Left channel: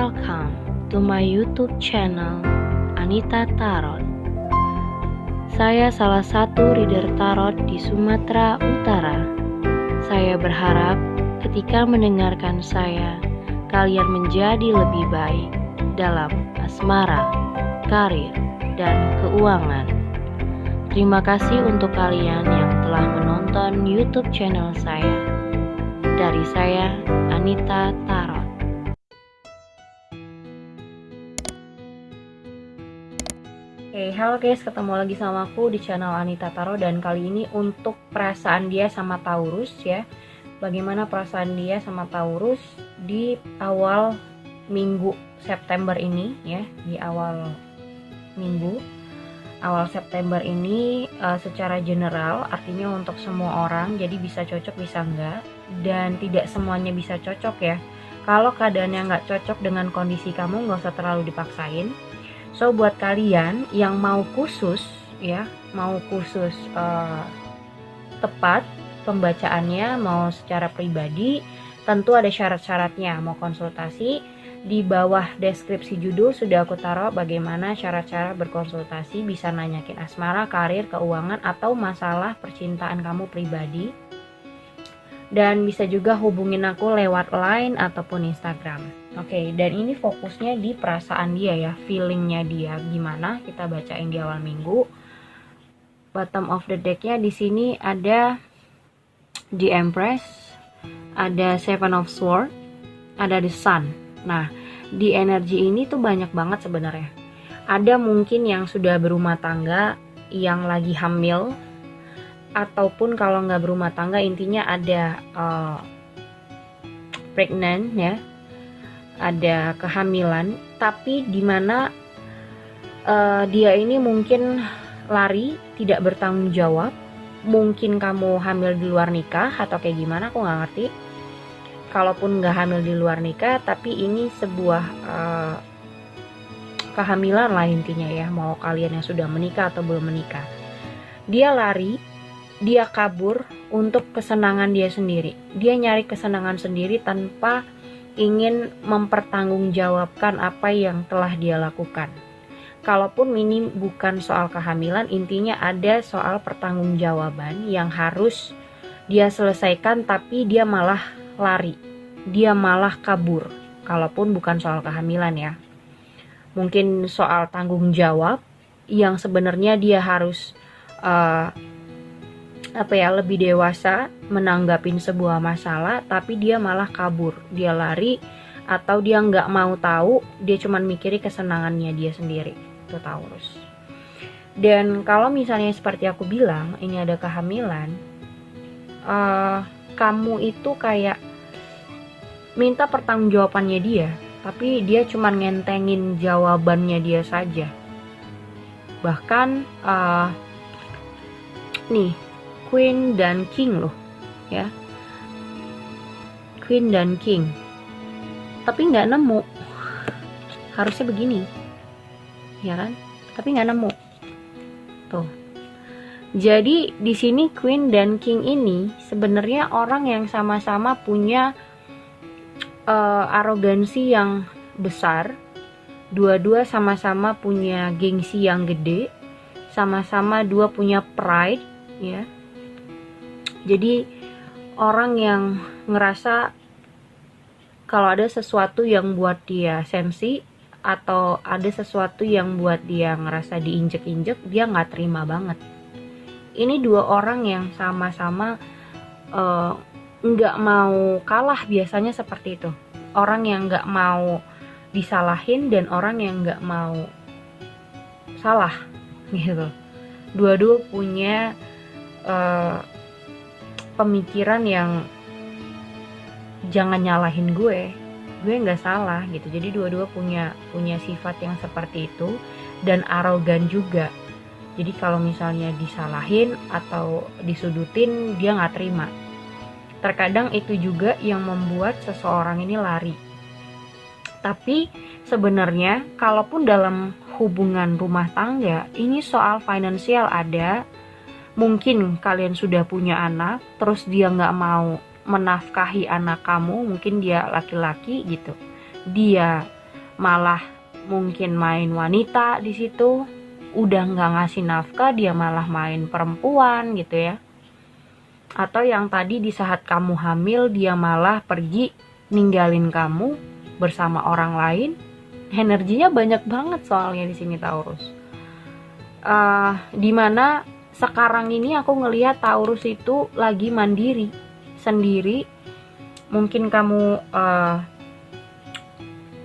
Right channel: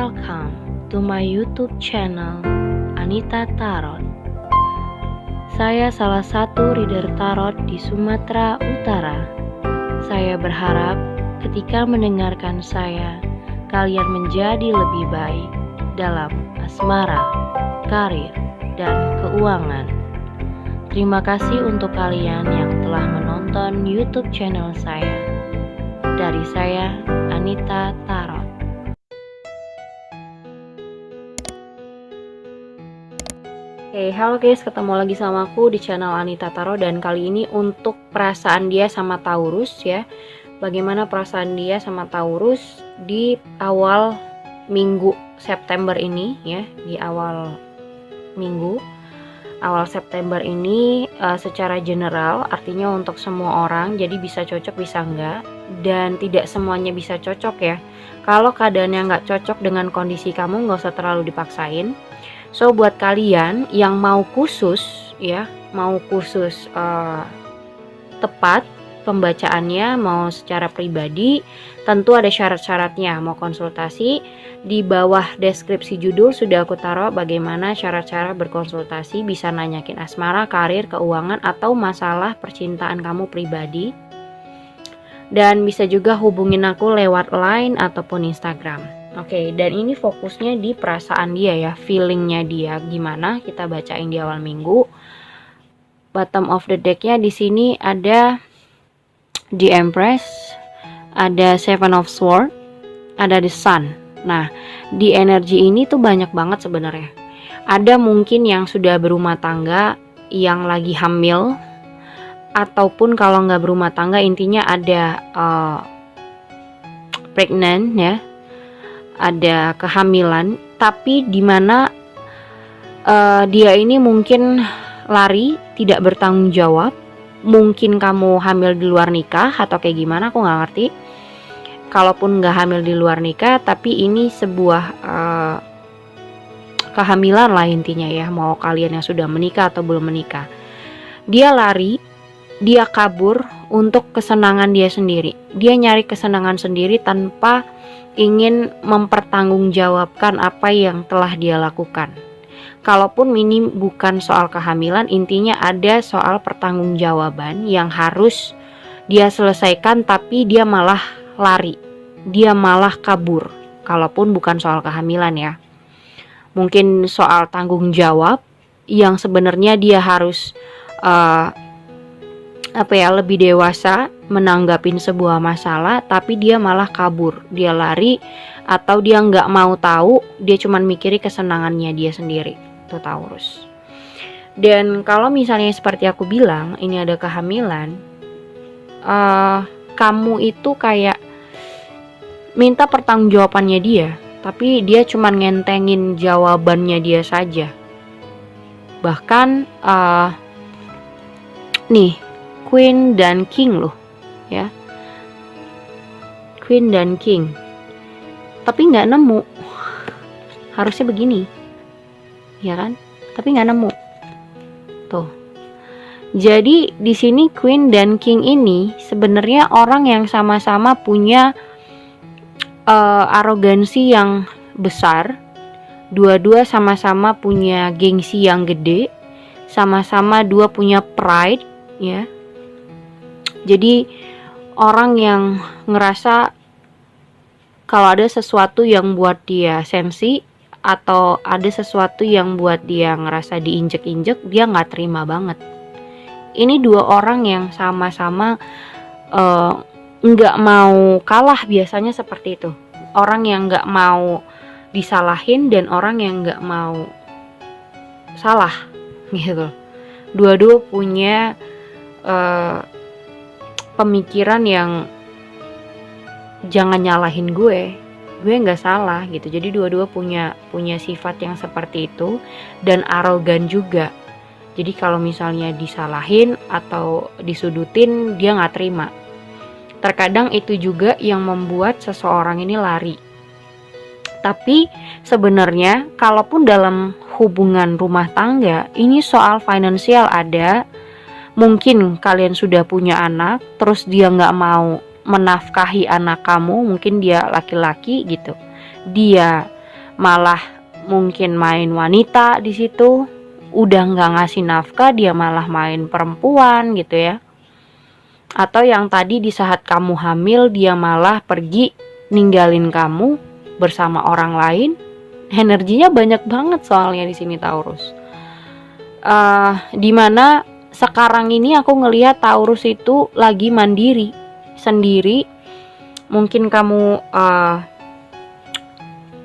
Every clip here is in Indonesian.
Welcome to my YouTube channel Anita Tarot. Saya salah satu reader tarot di Sumatera Utara. Saya berharap ketika mendengarkan saya, kalian menjadi lebih baik dalam asmara, karir, dan keuangan. Terima kasih untuk kalian yang telah menonton YouTube channel saya. Dari saya, Anita Tarot. Halo guys, ketemu lagi sama aku di channel Anita Tarot, dan kali ini untuk perasaan dia sama Taurus ya. Bagaimana perasaan dia sama Taurus di awal minggu September ini ya, di awal minggu awal September ini secara general, artinya untuk semua orang, jadi bisa cocok bisa enggak, dan tidak semuanya bisa cocok ya. Kalau keadaannya nggak cocok dengan kondisi kamu, nggak usah terlalu dipaksain. So buat kalian yang mau khusus ya, mau khusus tepat pembacaannya, mau secara pribadi, tentu ada syarat-syaratnya. Mau konsultasi, di bawah deskripsi judul sudah aku taruh bagaimana syarat-syarat berkonsultasi. Bisa nanyakin asmara, karir, keuangan, atau masalah percintaan kamu pribadi. Dan bisa juga hubungin aku lewat line ataupun Instagram. Oke, dan ini fokusnya di perasaan dia ya, feelingnya dia gimana, kita bacain di awal minggu. Bottom of the decknya di sini ada The Empress, ada Seven of Swords, ada The Sun. Nah, di energi ini tuh banyak banget sebenarnya. Ada mungkin yang sudah berumah tangga, yang lagi hamil, ataupun kalau nggak berumah tangga, intinya ada pregnant ya, ada kehamilan, tapi dimana dia ini mungkin lari, tidak bertanggung jawab. Mungkin kamu hamil di luar nikah atau kayak gimana, aku nggak ngerti. Kalaupun nggak hamil di luar nikah, tapi ini sebuah kehamilan lah intinya ya, mau kalian yang sudah menikah atau belum menikah. Dia lari, dia kabur untuk kesenangan dia sendiri. Dia nyari kesenangan sendiri tanpa ingin mempertanggungjawabkan apa yang telah dia lakukan. Kalaupun ini bukan soal kehamilan, intinya ada soal pertanggungjawaban yang harus dia selesaikan, tapi dia malah lari, dia malah kabur. Kalaupun bukan soal kehamilan ya, mungkin soal tanggung jawab yang sebenarnya dia harus lebih dewasa menanggapin sebuah masalah, tapi dia malah kabur, dia lari, atau dia nggak mau tahu, dia cuman mikirin kesenangannya dia sendiri. Itu Taurus. Dan kalau misalnya seperti aku bilang, ini ada kehamilan, kamu itu kayak minta pertanggungjawabannya dia, tapi dia cuman ngentengin jawabannya dia saja. Bahkan nih Queen dan King loh ya, Queen dan King, tapi nggak nemu. Harusnya begini ya kan, tapi nggak nemu tuh. Jadi di sini Queen dan King ini sebenarnya orang yang sama-sama punya arogansi yang besar. Dua-dua sama-sama punya gengsi yang gede, sama-sama dua punya pride ya. Jadi orang yang ngerasa kalau ada sesuatu yang buat dia sensi, atau ada sesuatu yang buat dia ngerasa diinjek-injek, dia nggak terima banget. Ini dua orang yang sama-sama nggak mau kalah, biasanya seperti itu. Orang yang nggak mau disalahin dan orang yang nggak mau salah gitu. Dua-dua punya pemikiran yang jangan nyalahin gue nggak salah gitu. Jadi dua-dua punya sifat yang seperti itu, dan arogan juga. Jadi kalau misalnya disalahin atau disudutin, dia nggak terima. Terkadang itu juga yang membuat seseorang ini lari. Tapi sebenarnya kalaupun dalam hubungan rumah tangga, ini soal finansial ada. Mungkin kalian sudah punya anak, terus dia nggak mau menafkahi anak kamu, mungkin dia laki-laki gitu, dia malah mungkin main wanita di situ, udah nggak ngasih nafkah dia malah main perempuan gitu ya. Atau yang tadi di saat kamu hamil dia malah pergi ninggalin kamu bersama orang lain. Energinya banyak banget soalnya di sini Taurus. Dimana sekarang ini aku ngelihat Taurus itu lagi mandiri sendiri. Mungkin kamu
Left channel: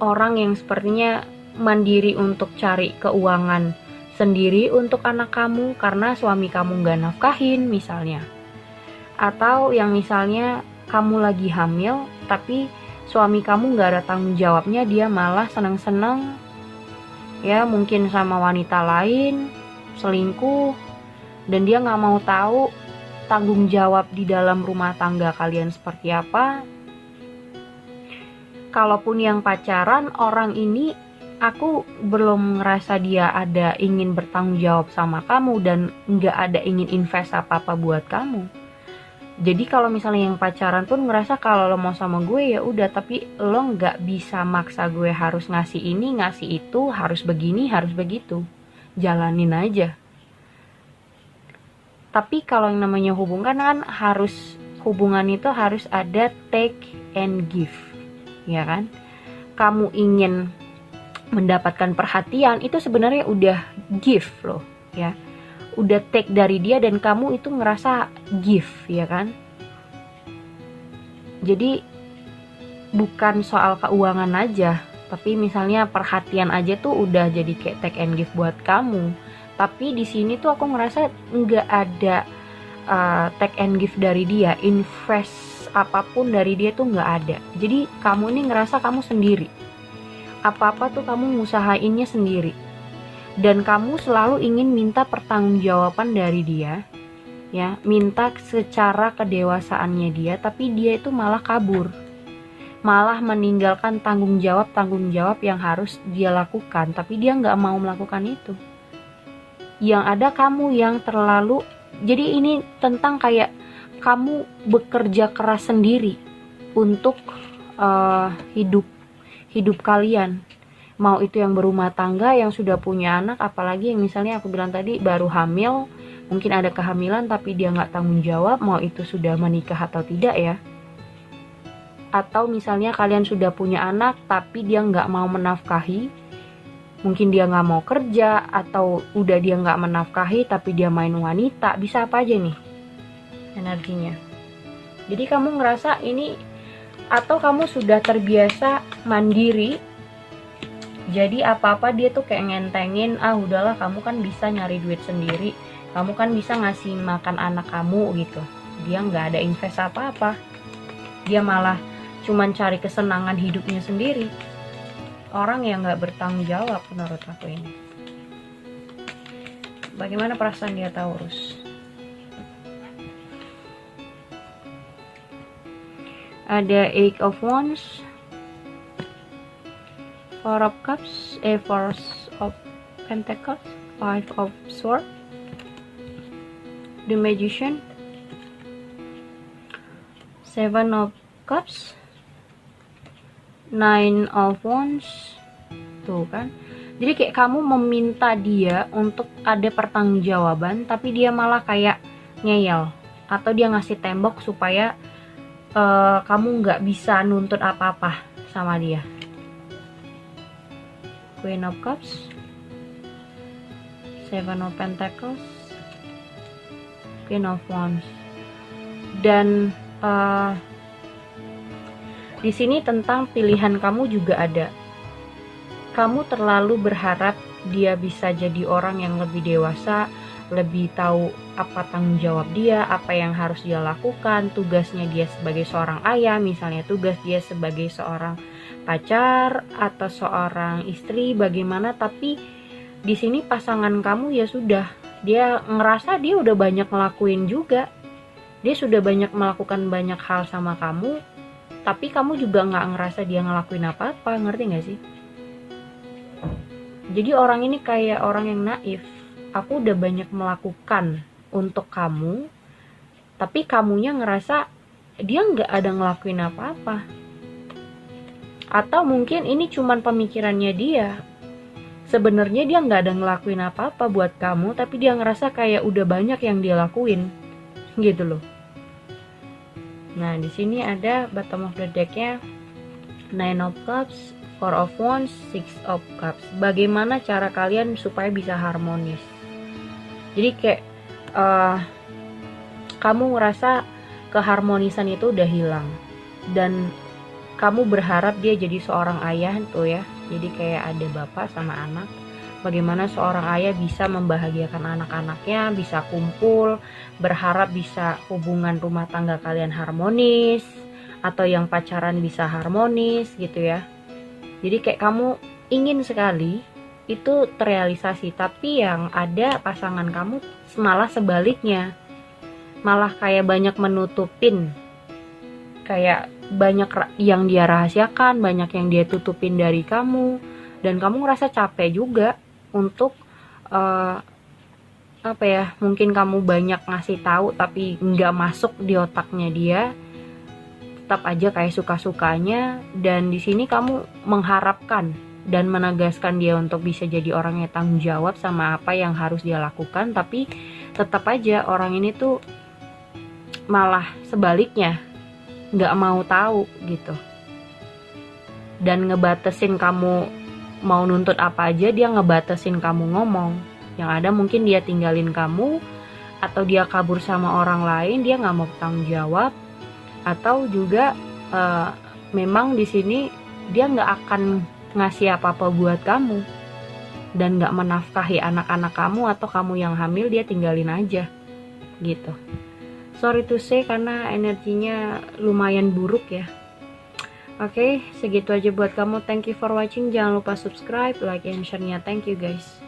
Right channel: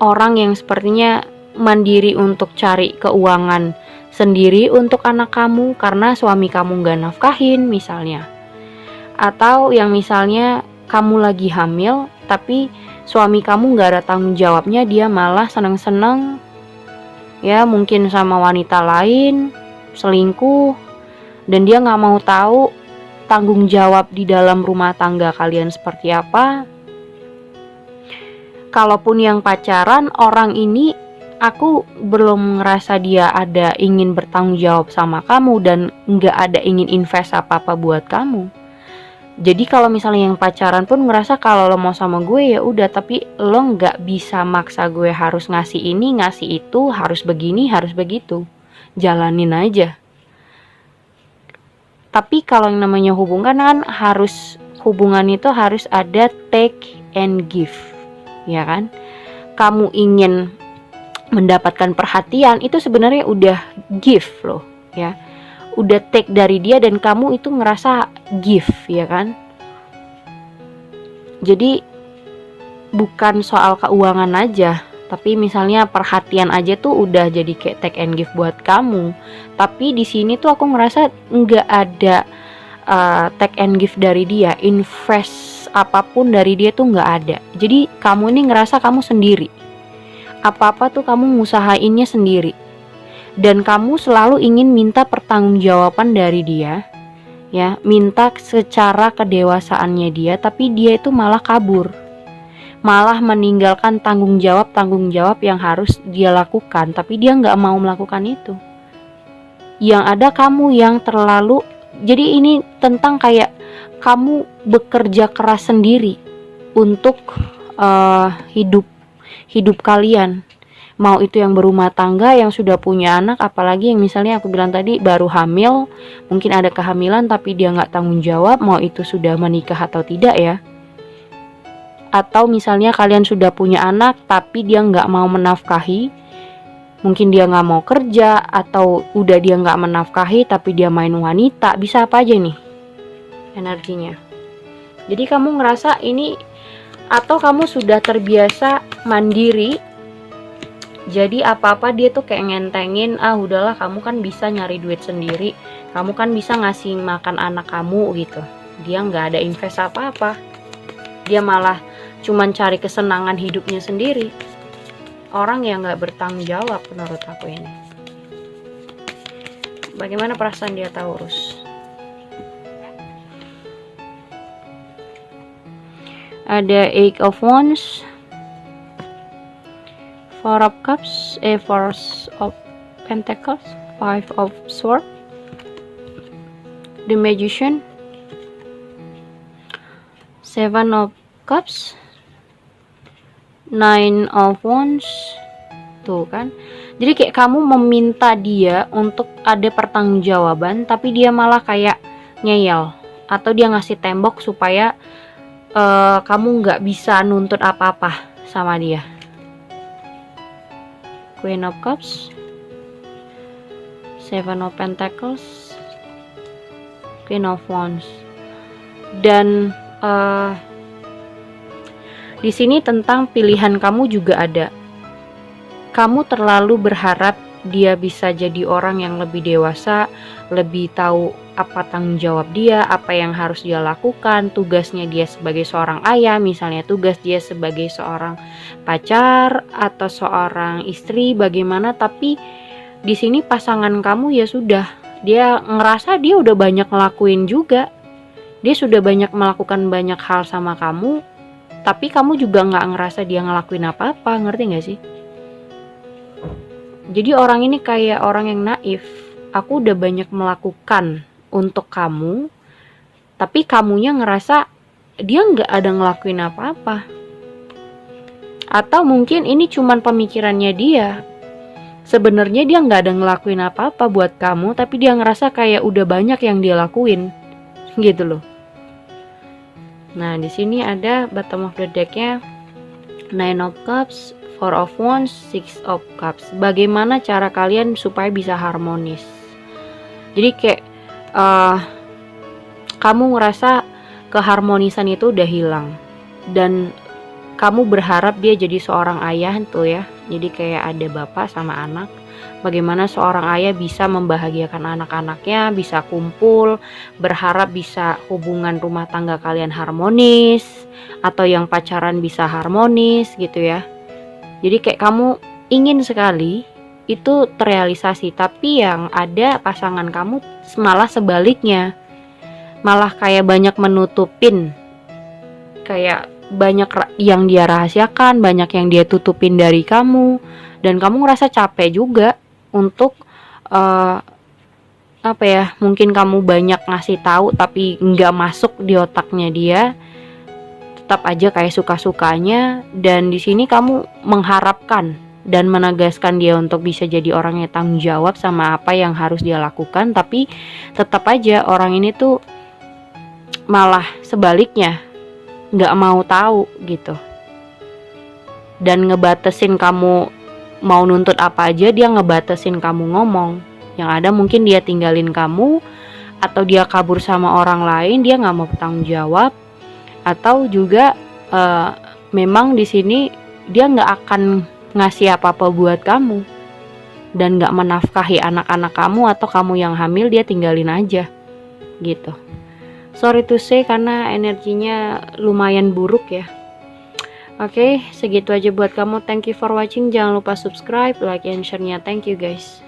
orang yang sepertinya mandiri untuk cari keuangan sendiri untuk anak kamu karena suami kamu gak nafkahin misalnya. Atau yang misalnya kamu lagi hamil tapi suami kamu gak ada tanggung jawabnya, dia malah seneng-seneng ya mungkin sama wanita lain, selingkuh, dan dia gak mau tahu tanggung jawab di dalam rumah tangga kalian seperti apa. Kalaupun yang pacaran, orang ini aku belum ngerasa dia ada ingin bertanggung jawab sama kamu dan gak ada ingin invest apa-apa buat kamu. Jadi kalau misalnya yang pacaran pun ngerasa kalau lo mau sama gue ya udah, tapi lo nggak bisa maksa gue harus ngasih ini, ngasih itu, harus begini, harus begitu. Jalanin aja. Tapi kalau yang namanya hubungan kan hubungan itu harus ada take and give, ya kan? Kamu ingin mendapatkan perhatian itu sebenarnya udah give loh, ya. Udah take dari dia dan kamu itu ngerasa give, ya kan? Jadi bukan soal keuangan aja, tapi misalnya perhatian aja tuh udah jadi kayak take and give buat kamu. Tapi di sini tuh aku ngerasa nggak ada take and give dari dia, invest apapun dari dia tuh nggak ada. Jadi kamu ini ngerasa kamu sendiri, apa-apa tuh kamu ngusahainnya sendiri. Dan kamu selalu ingin minta pertanggungjawaban dari dia, ya, minta secara kedewasaannya dia, tapi dia itu malah kabur, malah meninggalkan tanggung jawab yang harus dia lakukan, tapi dia nggak mau melakukan itu. Yang ada kamu yang terlalu, jadi ini tentang kayak kamu bekerja keras sendiri untuk hidup kalian. Mau itu yang berumah tangga, yang sudah punya anak, apalagi yang misalnya aku bilang tadi baru hamil, mungkin ada kehamilan tapi dia nggak tanggung jawab, mau itu sudah menikah atau tidak ya. Atau misalnya kalian sudah punya anak tapi dia nggak mau menafkahi, mungkin dia nggak mau kerja, atau udah dia nggak menafkahi tapi dia main wanita, bisa apa aja nih energinya. Jadi kamu ngerasa ini, atau kamu sudah terbiasa mandiri. Jadi apa-apa dia tuh kayak ngentengin, udahlah kamu kan bisa nyari duit sendiri, kamu kan bisa ngasih makan anak kamu gitu. Dia nggak ada invest apa-apa, dia malah cuman cari kesenangan hidupnya sendiri. Orang yang nggak bertanggung jawab menurut aku ini. Bagaimana perasaan dia Taurus? Ada Eight of Wands, Four of Cups, Four of Pentacles, Five of Swords, The Magician, Seven of Cups, Nine of Wands. Tuh kan, jadi kayak kamu meminta dia untuk ada pertanggungjawaban, tapi dia malah kayak ngeyel, atau dia ngasih tembok supaya kamu nggak bisa nuntut apa-apa sama dia. Queen of Cups, Seven of Pentacles, Queen of Wands. Dan di sini tentang pilihan kamu juga ada. Kamu terlalu berharap dia bisa jadi orang yang lebih dewasa, lebih tahu apa tanggung jawab dia, apa yang harus dia lakukan, tugasnya dia sebagai seorang ayah, misalnya tugas dia sebagai seorang pacar atau seorang istri bagaimana. Tapi di sini pasangan kamu ya sudah, dia ngerasa dia udah banyak ngelakuin juga, dia sudah banyak melakukan banyak hal sama kamu, tapi kamu juga nggak ngerasa dia ngelakuin apa-apa. Ngerti nggak sih? Jadi orang ini kayak orang yang naif. Aku udah banyak melakukan untuk kamu, tapi kamunya ngerasa dia nggak ada ngelakuin apa-apa. Atau mungkin ini cuman pemikirannya dia. Sebenarnya dia nggak ada ngelakuin apa-apa buat kamu, tapi dia ngerasa kayak udah banyak yang dia lakuin, gitu loh. Nah, di sini ada bottom of the deck-nya Nine of Cups, Four of Wands, Six of Cups. Bagaimana cara kalian supaya bisa harmonis? Jadi kayak kamu ngerasa keharmonisan itu udah hilang, dan kamu berharap dia jadi seorang ayah tuh ya. Jadi kayak ada bapak sama anak. Bagaimana seorang ayah bisa membahagiakan anak-anaknya, bisa kumpul, berharap bisa hubungan rumah tangga kalian harmonis, atau yang pacaran bisa harmonis gitu ya. Jadi kayak kamu ingin sekali itu terrealisasi, tapi yang ada pasangan kamu malah sebaliknya. Malah kayak banyak menutupin, kayak banyak yang dia rahasiakan, banyak yang dia tutupin dari kamu, dan kamu ngerasa capek juga untuk mungkin kamu banyak ngasih tahu tapi nggak masuk di otaknya dia, tetap aja kayak suka-sukanya. Dan di sini kamu mengharapkan dan menegaskan dia untuk bisa jadi orang yang tanggung jawab sama apa yang harus dia lakukan, tapi tetap aja orang ini tuh malah sebaliknya, nggak mau tahu gitu, dan ngebatasin kamu mau nuntut apa aja. Dia ngebatasin kamu ngomong, yang ada mungkin dia tinggalin kamu, atau dia kabur sama orang lain, dia nggak mau bertanggung jawab, atau juga memang di sini dia nggak akan ngasih apa-apa buat kamu, dan nggak menafkahi anak-anak kamu, atau kamu yang hamil dia tinggalin aja gitu. Sorry to say karena energinya lumayan buruk ya. Oke, segitu aja buat kamu. Thank you for watching. Jangan lupa subscribe, like, and share-nya. Thank you guys.